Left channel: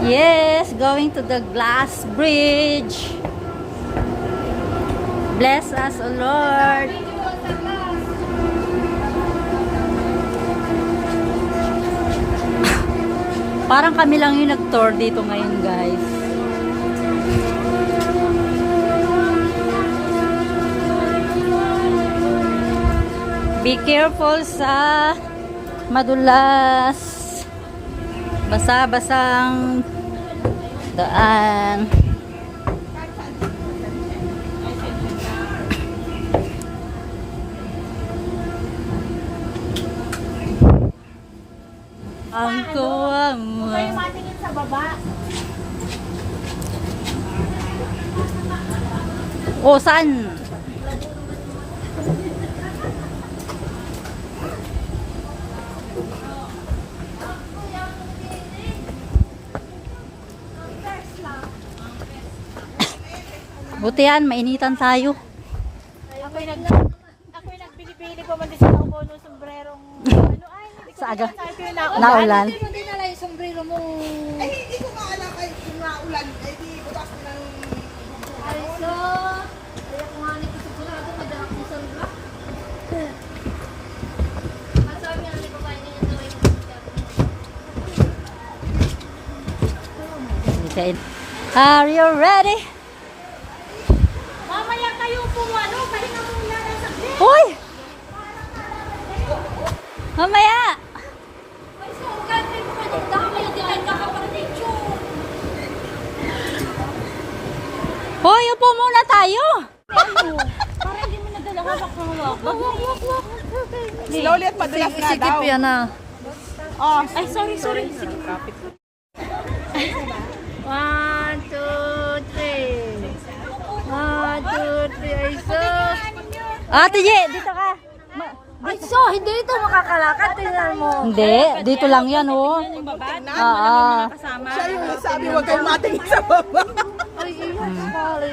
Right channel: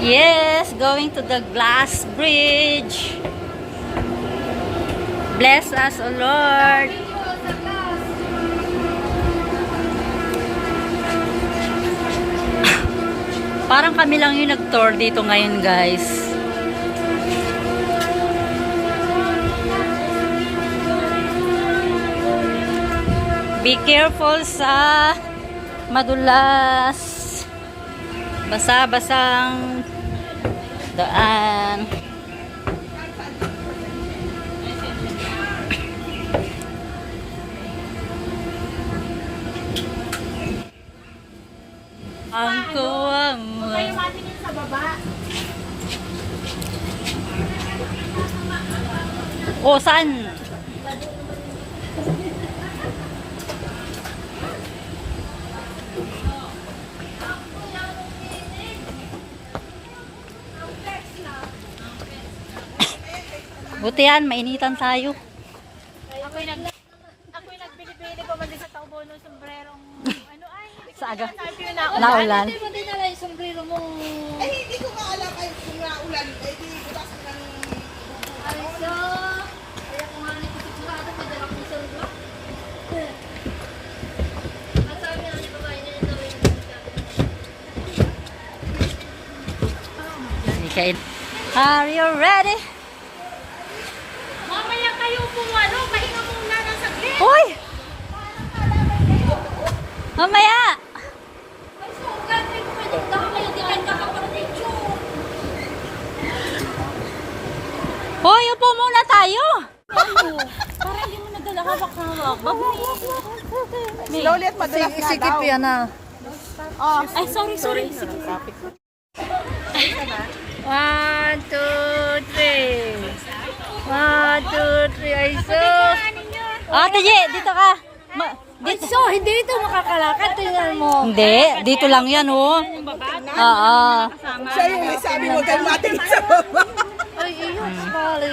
Yes, going to the glass bridge. Bless us, O Lord. Parang kami lang yung nag-tour dito ngayon, guys. Be careful sa madulas, basa-basang daan. Ang kuwang mo. Kayo matingin sa baba. O, saan? Buti yan, mainitan tayo. Ako'y nagbili-bili ko mag-isa ako po ng sombrerong ano ay Sa aga. naulan. Naulan. Hindi mo din nala yung sombrero mo. Ay, hindi ko maalam kayo kung naulan. Ay, di bukas ko ng... Ay, so, kaya kung nga nito sigurado, madala kong sombrero. Masabi niya ulit babae niya yung tawin ko. Are you ready? Mamaya kayo po, ano, pahinga muna ng saglit. Hoy! Mamaya! Ay, so, kahit may pumadagdama yung dilain ka kapag-picture. Hoy, upo muna tayo! Para hindi mo nadala hawak-hawak. Slowly at madalas na Sikip daw. yan ah. Oh, Ay, sorry. 1, 2, 3. 1, 2, 3. Ay, so. Ate Ye, dito ka. Ay, so, hindi ito makakalakad. Tingnan mo. Hindi, dito lang yan oh. Oo. siya yung sabi, huwag kayong matingin sa baba. Ay, iyon. Sorry.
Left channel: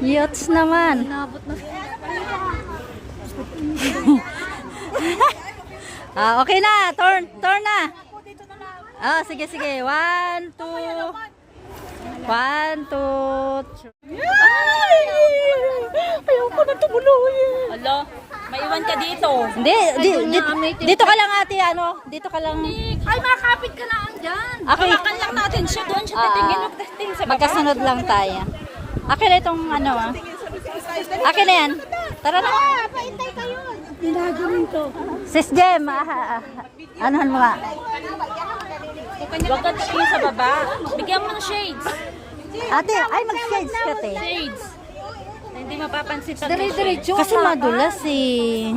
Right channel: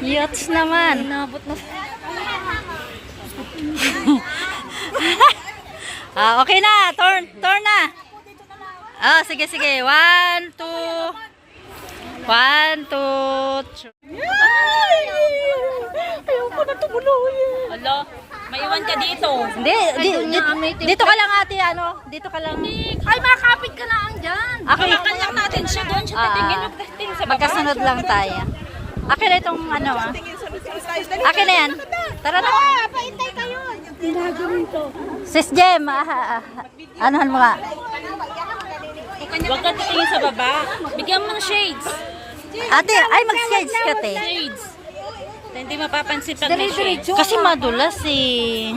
Yachts naman. Nabot na. Okay na, turn na. Sige. 1, 2. 1, 2, 3. Ayoko na tumuluhin. Hello? Maiwan ka dito. Hindi, dito ka lang ate, ano? Dito ka lang. Ay, makapit ka lang dyan. Okay. lang natin siya doon. Siya titingin. Magtesting sa Magkasunod lang tayo. Akin na itong ano ah. Akin na yan. Tara na. Paintay kayo. Sis Jem, anuhan mo nga. Huwag ka titingin sa baba. Bigyan mo ng shades. Ate, ay mag-sketch ka te. Shades. Hindi mapapansin pag may shades. Kasi madulas eh.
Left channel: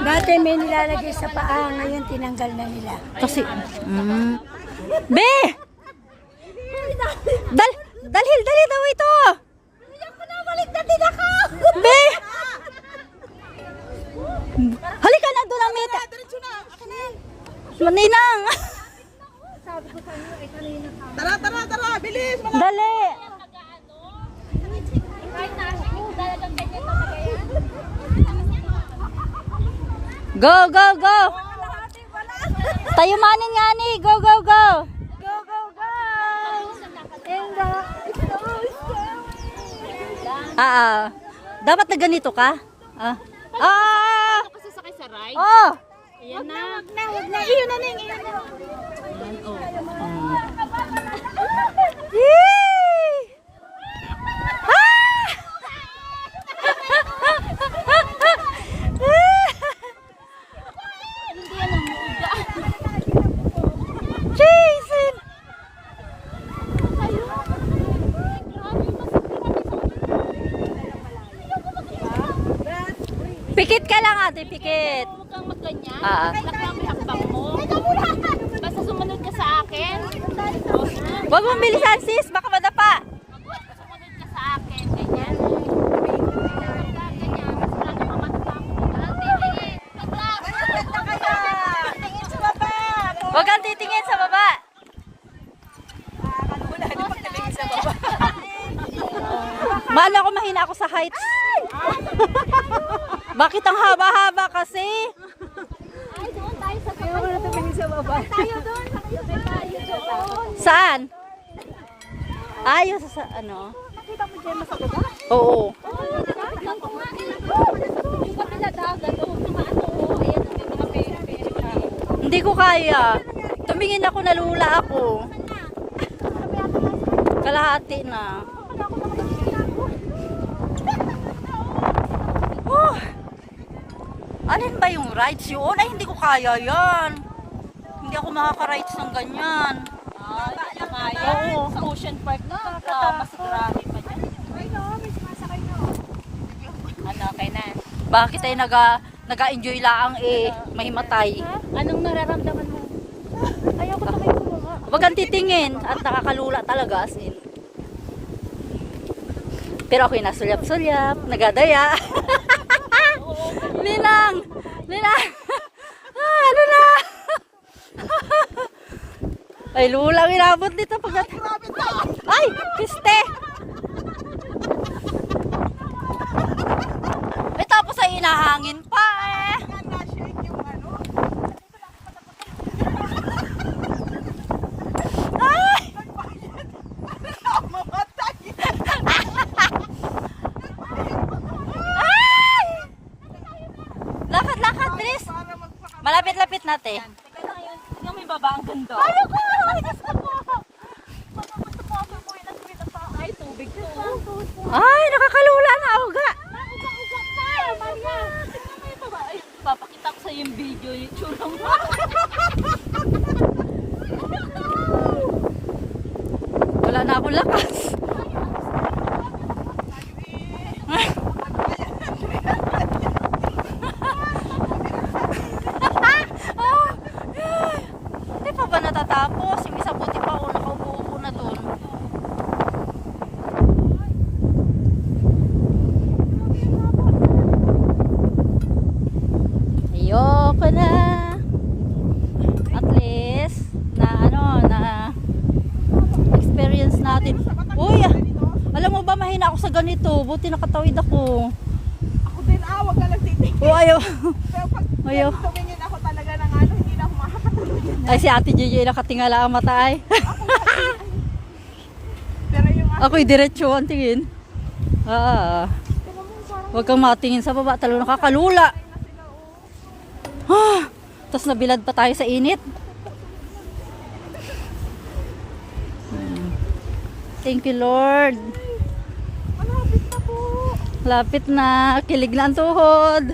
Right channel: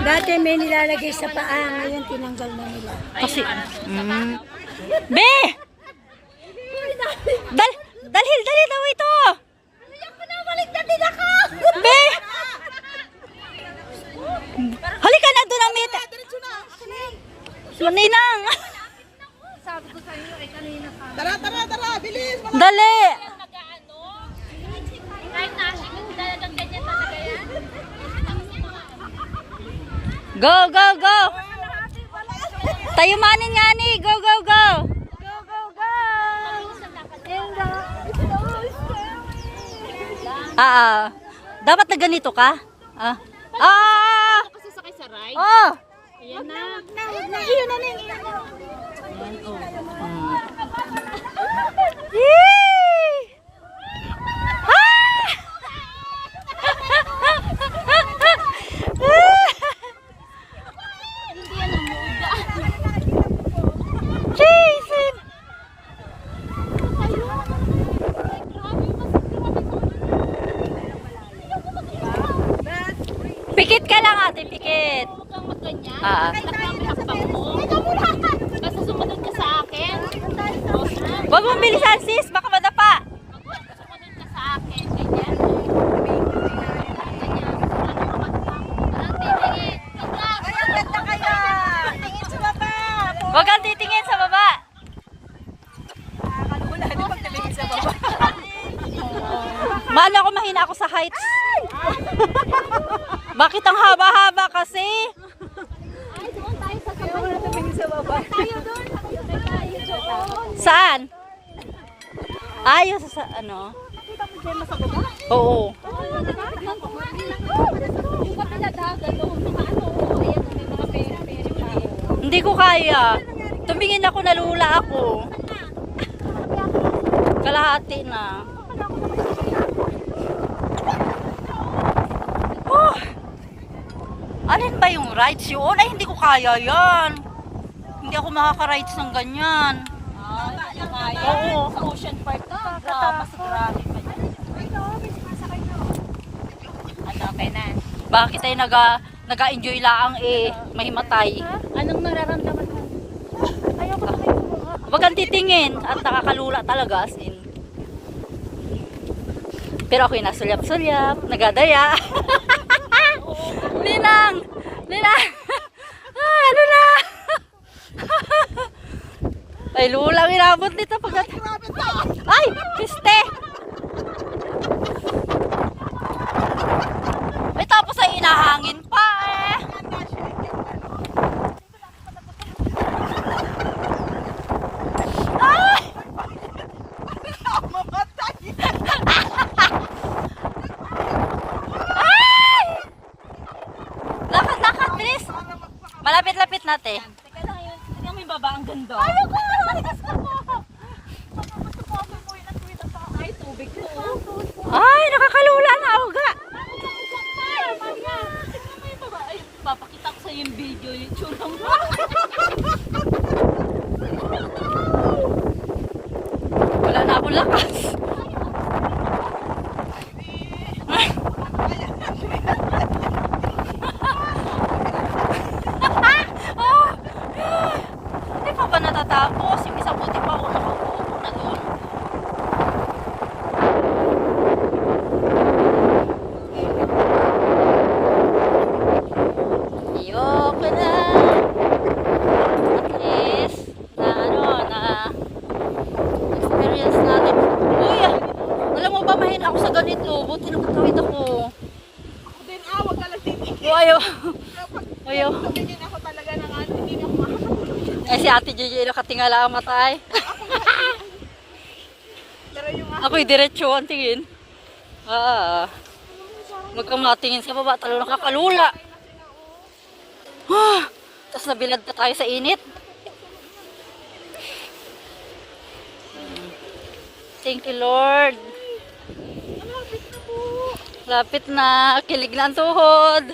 Dati may nilalagay sa paa. Ngayon tinanggal na nila. Kasi, Be! Dalhil daw ito! Ako na, balik na din ako. Be! Halika na doon ang meta. Maninang! Tara, bilis. Dali! Kahit nasi ko, dalagang ganyan talaga yan. Go! Tayo manin nga ni! Go! Dapat na ganito ka? Kasi sakay sa ride. Oh! Ayan na. Huwag na. Iyon na ning. Yee! Hindi yan ang muda. Jason! Pikit ka lang ate, pikit. Huwag kang magganyan. Ah. Hakbang mo. Basta sumunod ka sa akin. O, sumunod. Huwag mong bilisan sis, baka madapa. Sumunod ka sa akin. Ganyan. Huwag kang titingin sa baba. Mahal ako, mahina ako sa heights. Bakit ang haba-haba kasi? Saan? Ayos sa ano? Oo. Hindi ko kaya. Tumingin ako, nalula ako. Kalahati na. Oh! Alin ba yung rides yun? Ay, hindi ko kaya yan. Hindi ako makaka-rides ng ganyan. Oo. Sa Ocean Park na, mas grabe pa dyan. Ano, okay na. Bakit ay naga-enjoy laang mahimatay? Anong nararamdaman mo? Huwag kang titingin at nakakalula talaga as in. Pero ako'y nasulyap-sulyap, nagadaya. Ninang! Ninang! Ah, ano na? Ay, lulang inabot dito pag... Ay! Kiste! Eh, tapos ay inahangin pa eh. Ay! Ay! Lakad, bilis! Malapit-lapit natin. Okay lang yun. Tingnan mo yung baba, ang ganda. Ay, tubig ko. Ay, nakakalula na uga. Ay, papakita ko sa yung video yung tsura mo. Wala na akong lakas. Hindi pa ba natatapos? Yung isa buti pa ako nakaupo na doon. Ayoko na. At least, na experience natin. Uy, alam mo ba, mahina ako sa ganito. Buti nakatawid ako. Ako din, wag ka lang titig. Oh, ayaw. Pero pag Ayaw. tumingin ako talaga ng ano, hindi na ako makakatuloy yan. Ay, si Ate Gigi nakatingala ang mata ay. Pero yung Ako'y diretso ang tingin. Huwag kang matingin sa baba. Talo nakakalula. Tapos nabilad pa tayo sa init. Thank you, Lord. malapit na po. Lapit na. Kilig na ang tuhod.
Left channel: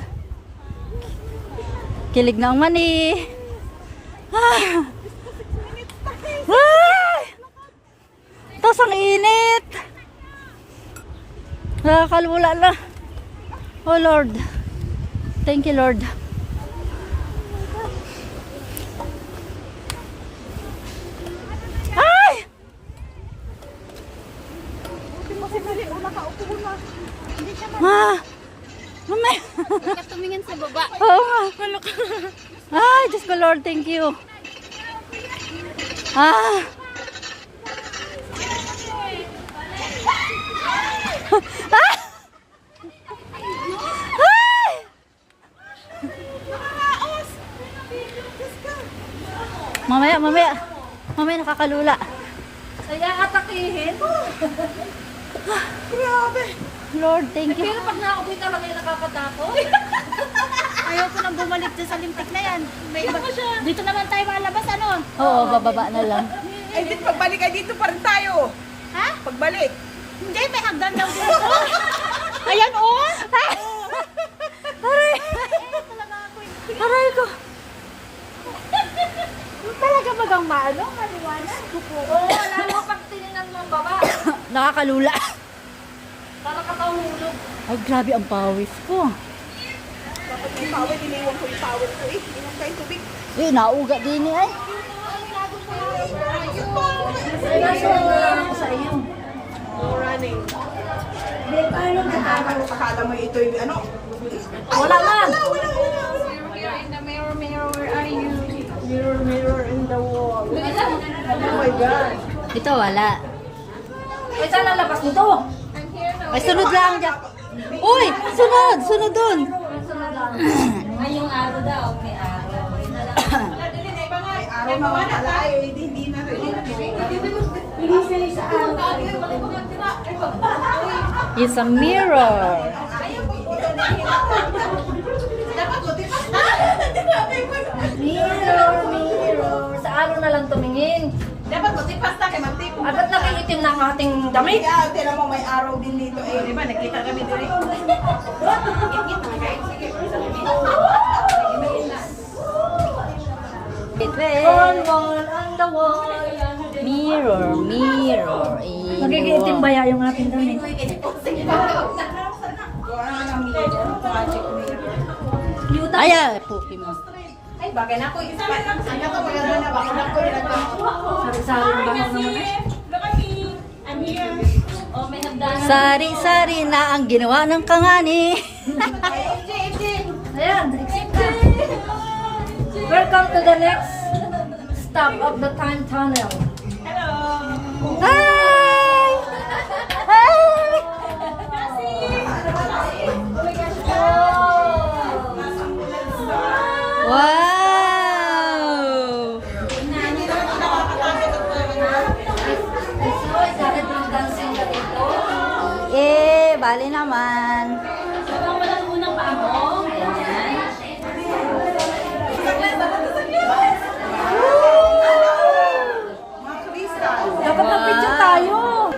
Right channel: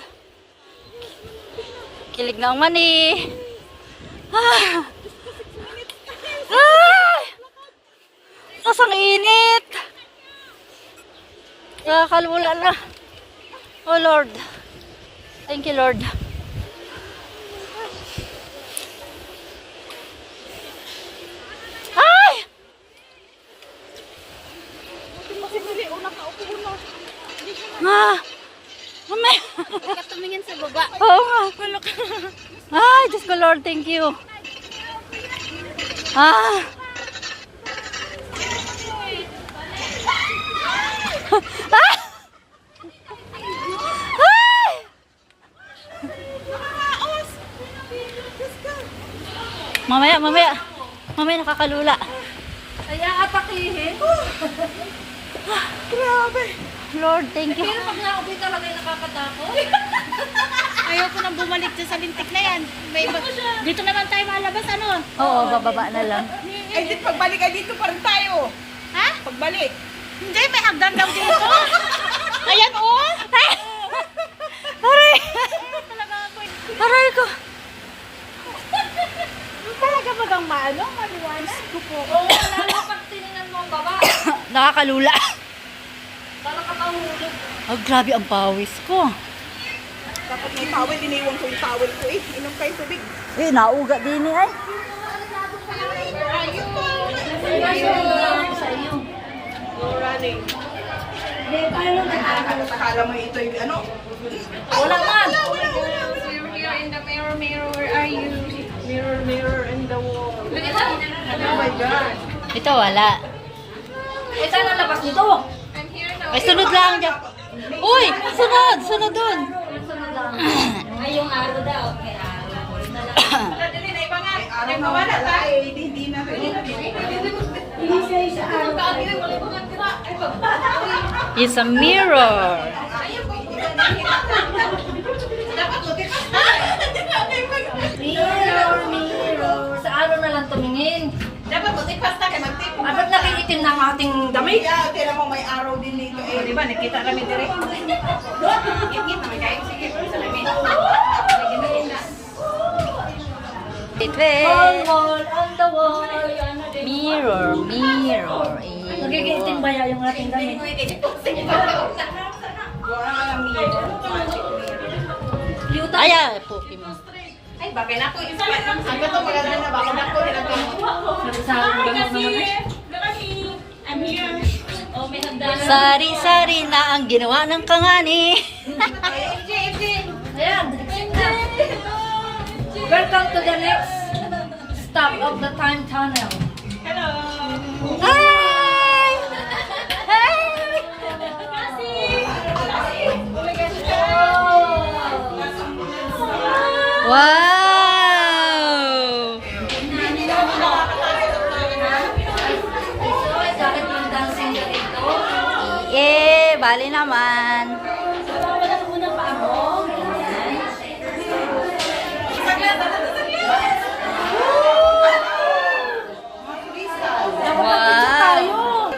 Kilig na ang mani. Tapos ang init. Nakakalula na. Oh Lord. Thank you, Lord. Ay! Buti pa si Mali, nakaupo na. Mamaya. Tumingin sa baba. Oo nga. Ay, Diyos ko, Lord, thank you. Ah. Ah! Ay! Mamaya nakakalula. Kaya atakihin. Grabe. Lord, thank you. Pero pag nakaupoy talaga yung nakakatakot. Ayaw ko nang bumalik dyan sa lintik na yan. Dito naman tayo malabas, ano? Oo, bababa na lang. Eh, di pagbalik ay dito pa rin tayo. Ha? Pagbalik. Hindi, may hagdan daw dito. Ayan, oh! Aray! Aray ko. Talaga ba daw maano? Maliwanag? Oo, lalo pag tinignan mo ang baba. Nakakalula. Para ka mahulog. Oh, grabe ang pawis ko. Dapat yung tawel, iniwan ko yung tawel ko eh. Inom kayo tubig. Eh, nauga din eh. Ay. Sa iyo. No running. Akala mo ito yung ano? Wala man. Mirror in the mirror, mirror, where are you? Mirror, mirror in the my God. Ito wala. Eh, saan ang labas nito? Ay, sunod lang dyan. Uy! Sunod! Sunod dun! Ay, yung araw daw. Okay, araw. May araw naman pala eh. Hindi na rin. It's a mirror. Mirror, mirror. Sa araw na lang tumingin. Dapat matipasta ka ng tipo. Ba't naging itim ng ating damit? Kaya, tira mo may araw din dito eh. Di ba, nakita kami direct. Wait, On wait. wall, on the wall. Mirror, mirror. Nagiging itim ba yung ating damit? Wala nga mirror. Magic mirror. Ay, ay, puki mo. Ay, bagay na ako. Ang gato maganda na ba? Ako na ko nilagay. Sari-sari ba naman eh? Sari-sari na ang ginawa ng kangani. Ayan, welcome to the next stop of the time tunnel. Hi! Hi! Wow! Bakit yung dancing ka dito? Eh, bali naman. Wow!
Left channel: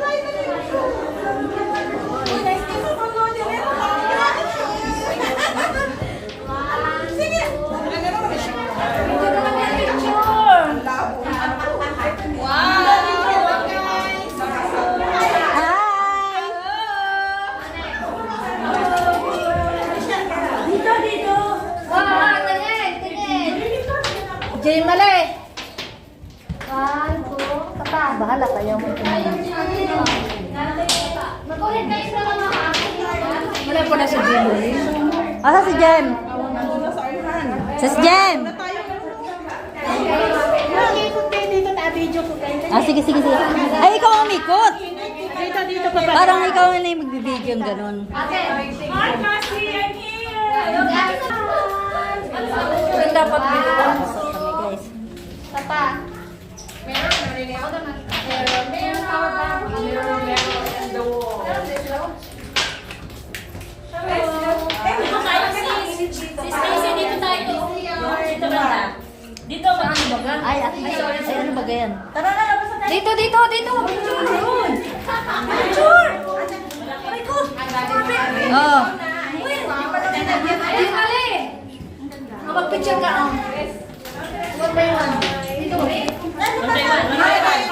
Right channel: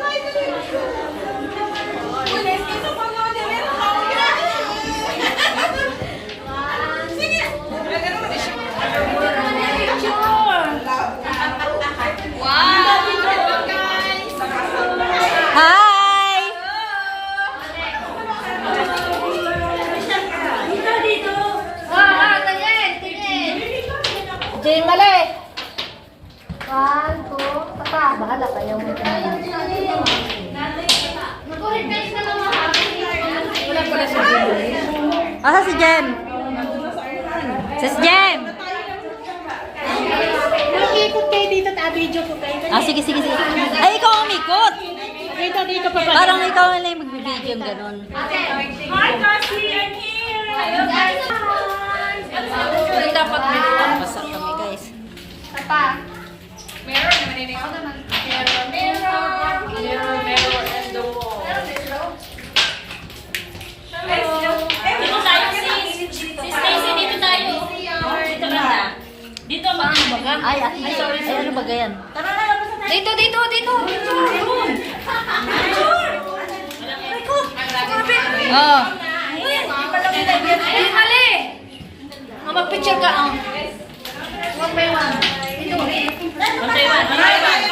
Hi! Dito, dito. Wow, ganyan. Tingin. Jay Mali. 1, 2, tata. Bahala kayo. Mag-ulit guys na lang mga Ano pala si Jay? Asa si Jem? Si Jem! Nag-ikot kayo dito, ta-video ko kayo. Ah, sige, sige, sige. Ay, ikaw ang umikot! Dito, dito pa pa. Parang ikaw na lang yung magbibideo yung ganun. Hi, Cassie, I'm here. Dapat Basa kami, guys. Tata. Meron, naniniyaw na ng mirror, mirror, and the wall. Dito tayo, sis. Si Stacy, dito tayo. Dito banda. Dito, ano ba ka? Ay, sorry. Ay, ano ba ganyan? Tara na, labas na tayo. Dito, dito, dito. Picture. Picture. Oh. Ay, mali. Mag-picture ka. One by one. Dito. One by one.